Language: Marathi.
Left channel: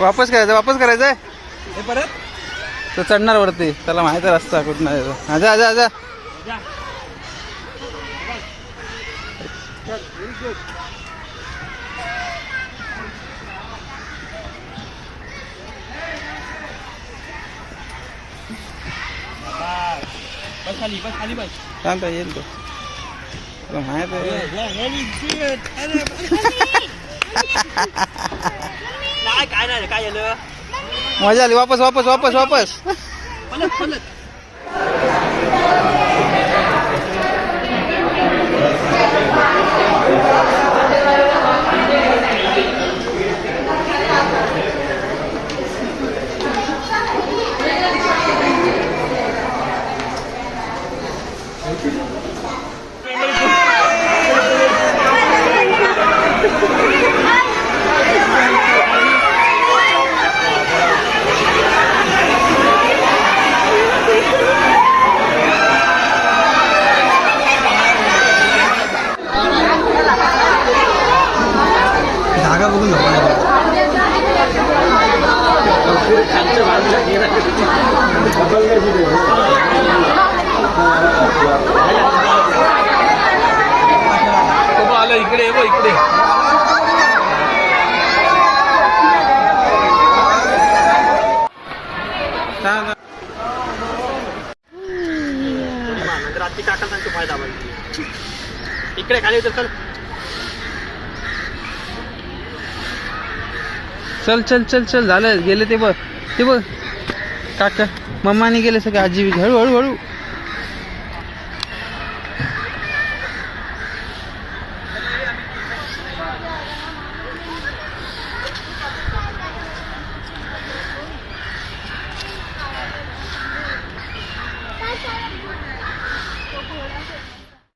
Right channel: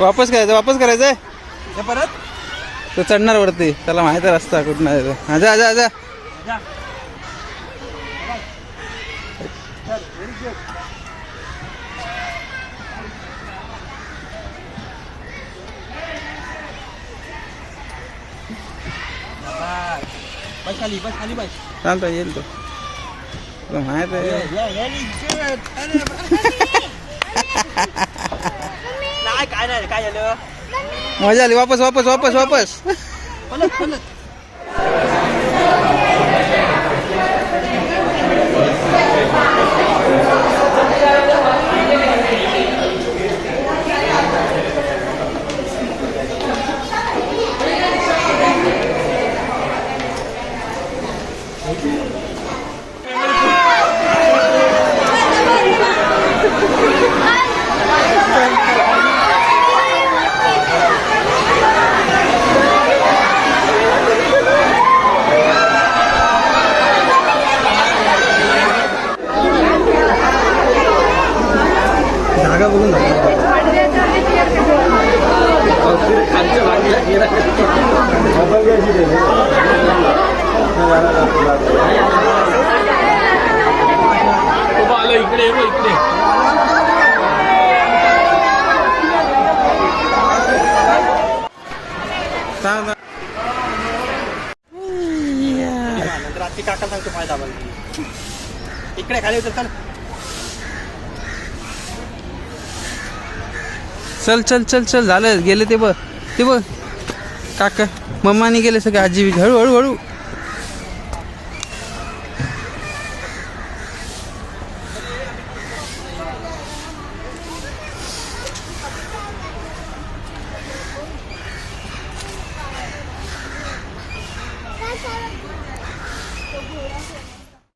वापस करायचंय परत तो चढणार वरती, त्याला माहिती रस्ता कुठं आहे. आजा आजा आजा बस खाली बस. चालतं येईल तो. तुला माहित आहे काय नाही काय झालं. मजा आली. वापस जागा बघून आलं इकडे इकडे. रात्री काका सांगतो माहिती आम्हाला इकडे खाली चल. चल झालं. गेले ते बघ काका मम्माने गेले सगळे. आजी हळू